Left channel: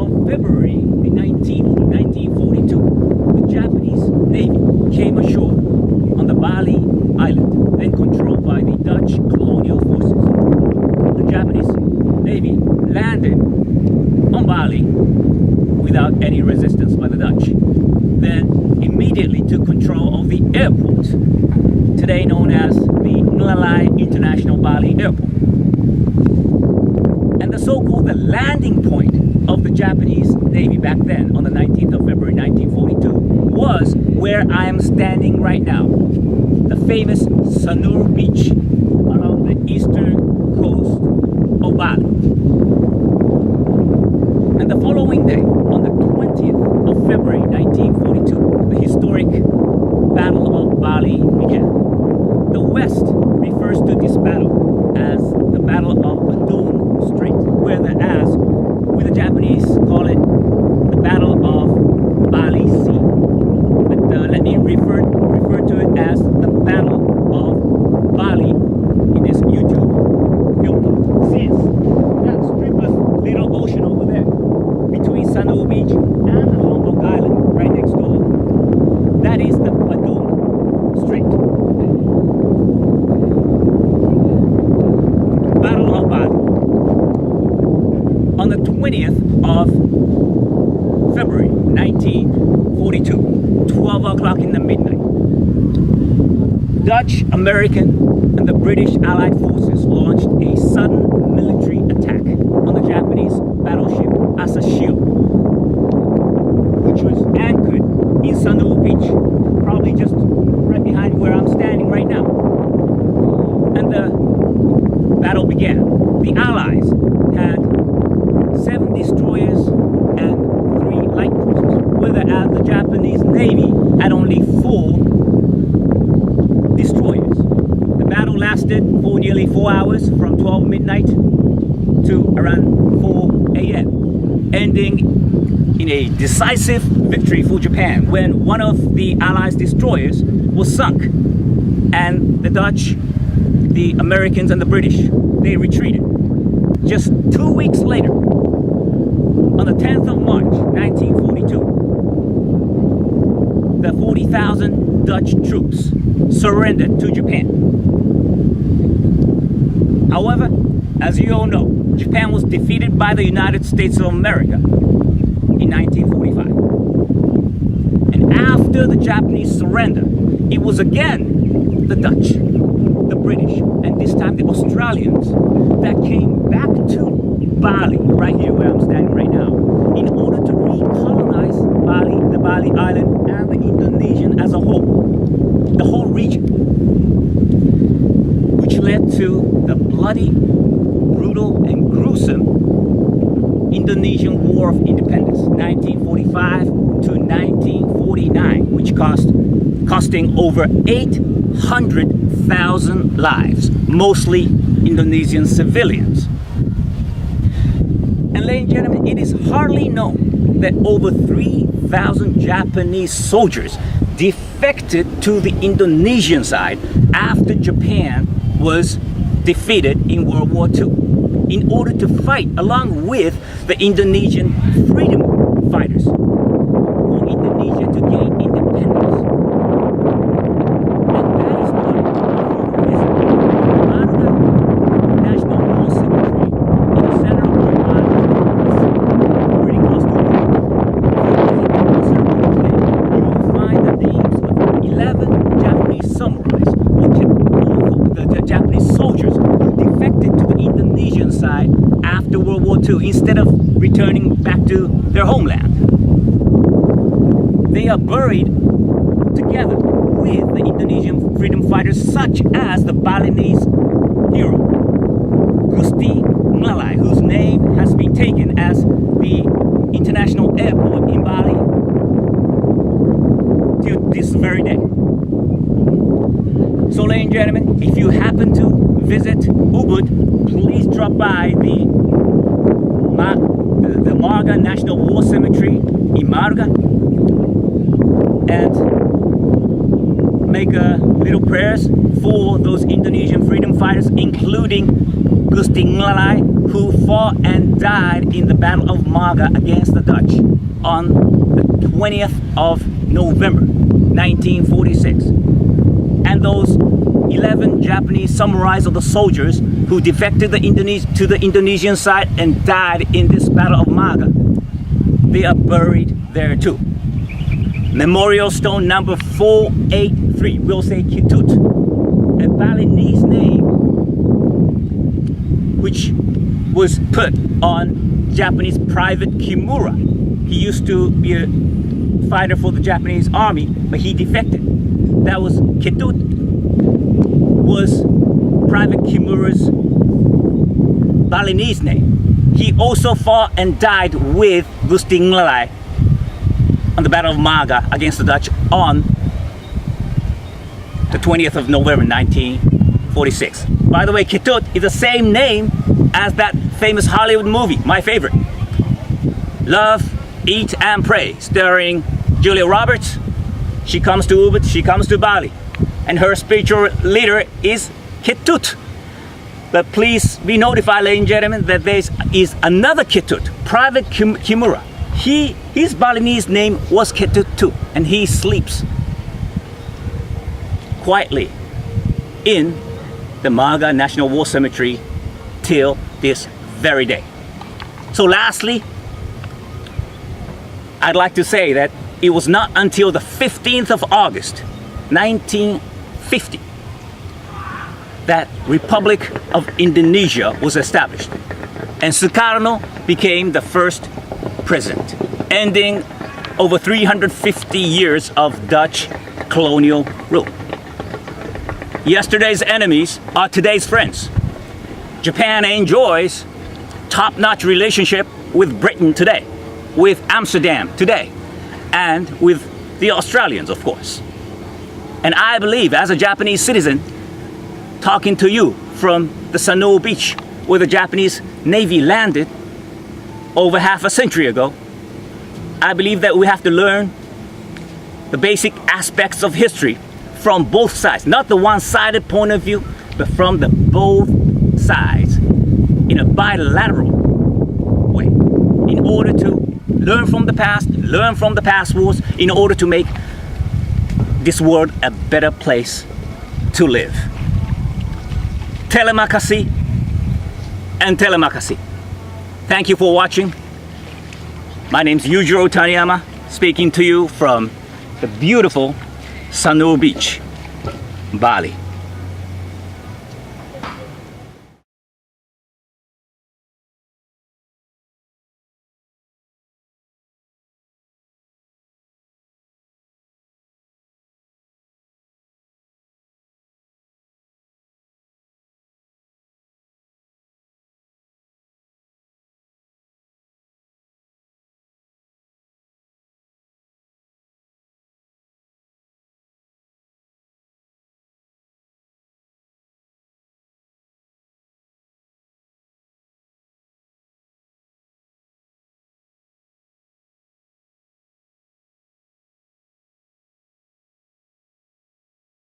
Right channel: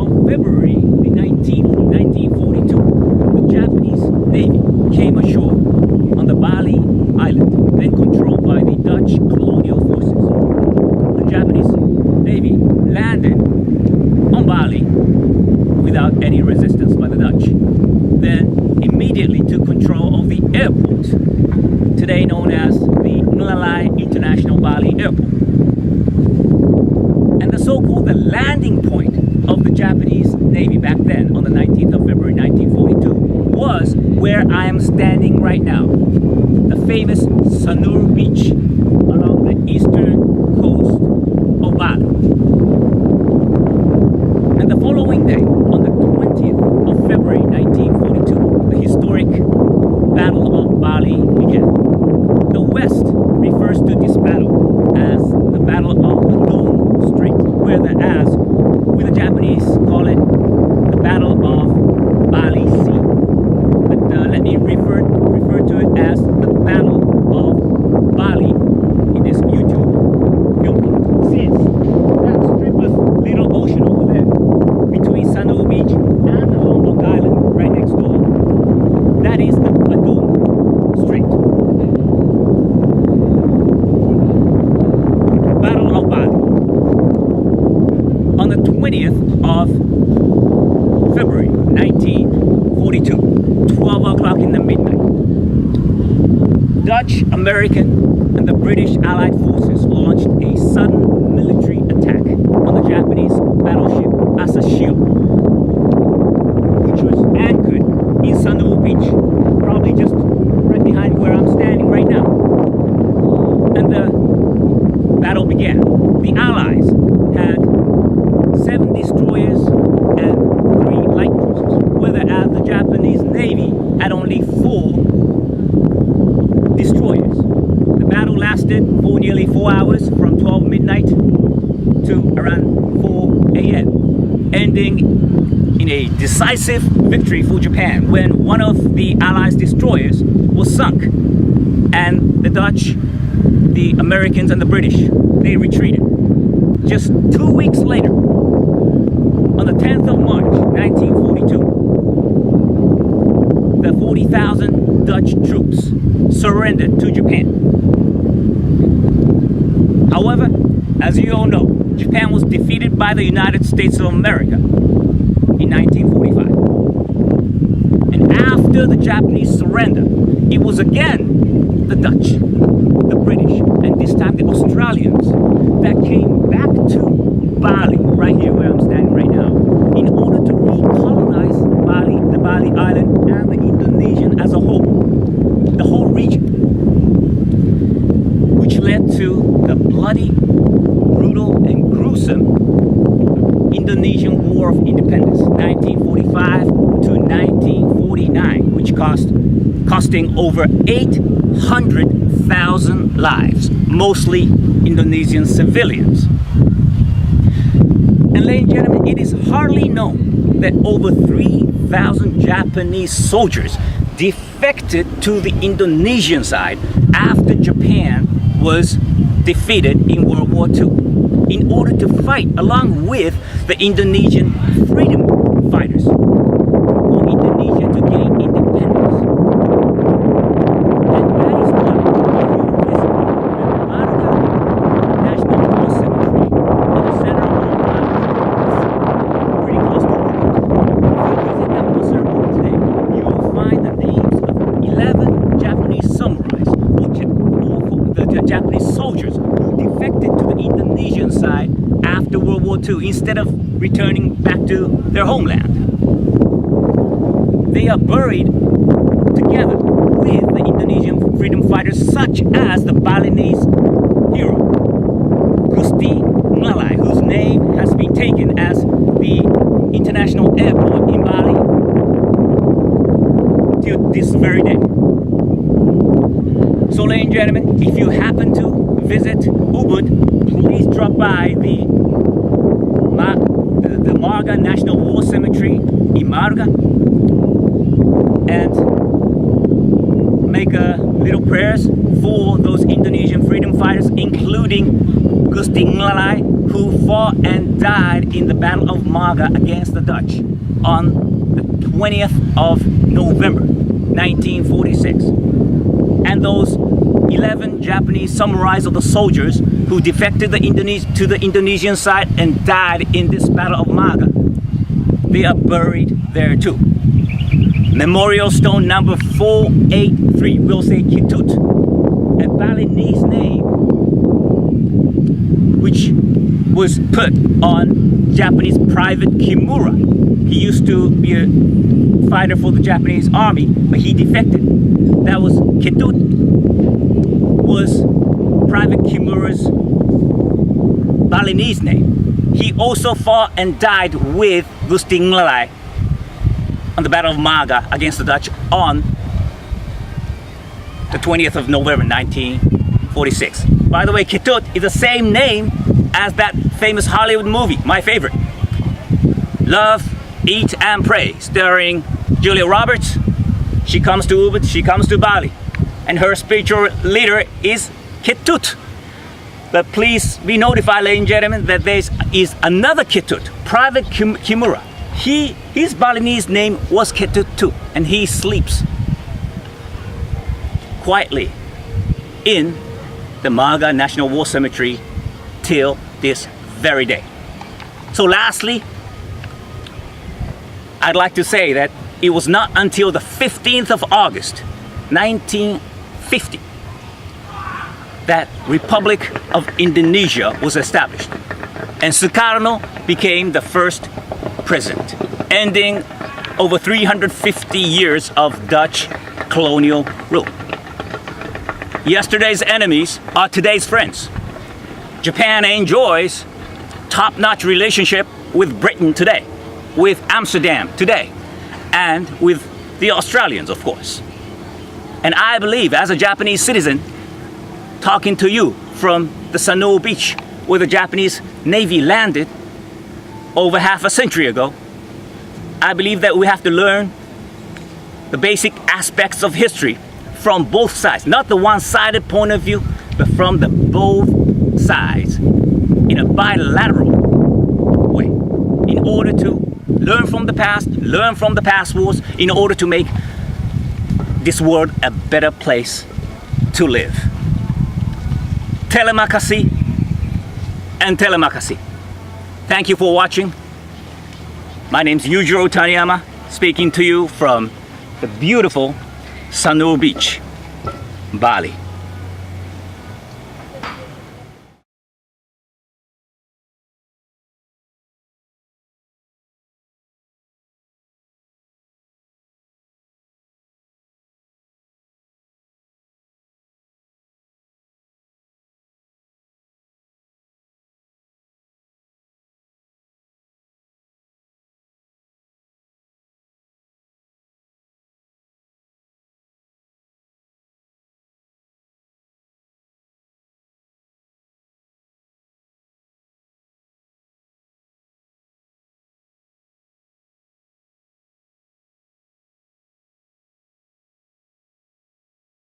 On February the 19th, 1942, the Japanese Navy came ashore on the Bali island, then controlled by the Dutch colonial forces. The Japanese Navy landed on Bali without any resistance by the Dutch, then immediately took control of the airport, today known as the Ngalai International Bali Airport. And the so-called the landing point of the Japanese Navy back then, on the 19th of February 1942, was where I am standing right now, the famous Sanur Beach along the eastern coast of Bali. And the following day, on the 20th of February 1942, the historic Battle of Bali began. The West refers to this battle as the Battle of Badung Strait, whereas we the Japanese call it the Battle of Bali Sea. But let me refer to it as the Battle of Bali in this YouTube film clip. Since that strip of little ocean over there, between Sanur Beach and the Lombok Island right next door, that is the Badung Strait. Battle of Bali. On the 20th of February 1942, 12 o'clock in the midnight, Dutch, American, and the British Allied forces launched a sudden military attack on the Japanese battleship Asashio, which was anchored in Sanur Beach, probably just right behind where I'm standing right now. And the battle began. The Allies had 7 destroyers and 3 light cruisers, whereas the Japanese Navy had only 4 destroyers. The battle lasted for nearly 4 hours, from 12 midnight to around 4 a.m., ending in a decisive victory for Japan when one of the Allies' destroyers was sunk, and the Dutch, the Americans, and the British, they retreated. Just 2 weeks later, on the 10th of March 1942, the 40,000 Dutch troops surrendered to Japan. However, as you all know, Japan was defeated by the United States of America in 1945. And after the Japanese surrender, it was again the Dutch, the British, and this time the Australians that came back to Bali, right here where I'm standing right now, in order to recolonize Bali, the Bali island, and the Indonesian as a whole, the whole region, which led to the bloody, brutal, and gruesome Indonesian War of Independence, 1945 to 1949, which costing over 800,000 lives, mostly Indonesian civilians. And ladies and gentlemen, it is hardly known that over 3,000 Japanese soldiers defected to the Indonesian side after Japan was defeated in World War II in order to fight along with the Indonesian freedom fighters for Indonesia to gain independence. And that is why, if you visit the Marga National War Cemetery in the center of Bali today, it's pretty close to Ubud. If you visit that war ceremony today, you will find the names of 11 Japanese samurais, or the Japanese soldiers who defected to the Indonesian side after World War II instead of returning back to their homeland. They are buried together with the Indonesian freedom fighters, such as the Balinese hero Gusti Ngalai, whose name has been taken as the international airport in Bali till this very day. So, ladies and gentlemen, if you happen to visit Ubud, please drop by the Marga National War Cemetery in Marga and make little prayers for those Indonesian freedom fighters, including Gusti Ngalai, who fought and died in the Battle of Maga against the Dutch on the 20th of November 1946. And those 11 Japanese samurais or the soldiers who defected to the Indonesian side and died in this Battle of Maga, they are buried there too. Memorial stone number 483, we'll say Kitut, a Balinese name which was put on Japanese Private Kimura. He used to be a fighter for the Japanese army, but he defected. That was Kitut, was Private Kimura's Balinese name. He also fought and died with Gusti Nglai on the Battle of Maga against the Dutch on the 20th of November 1946. By the way, Kitut is the same name as that famous Hollywood movie, my favorite, Love, Eat and Pray, starring Julia Roberts. She comes to Ubud, she comes to Bali, and her spiritual leader is Kitut. But please be notified, ladies and gentlemen, that there is another Kitut, Private Kimura. His Balinese name was Kitut too, and he sleeps quietly in the Maga National War Cemetery till this very day. So lastly, I'd like to say that it was not until the 15th of August 1950 that Republic of Indonesia was established, and Sukarno became the first president, ending over 350 years of Dutch colonial rule. Yesterday's enemies are today's friends. Japan enjoys top-notch relationship with Britain today, with Amsterdam today, and with the Australians, of course. And I believe, as a Japanese citizen, talking to you from the Sanoa beach, where the Japanese Navy landed over half a century ago, I believe that we have to learn the basic aspects of history from both sides, not the one-sided point of view, but from the both sides in a bilateral way, in order to learn from the past wars, in order to make this world a better place to live. Telemakasi and telemakasi. Thank you for watching. My name's Yujiro Taniyama, speaking to you from the beautiful Sanoa Beach, Bali.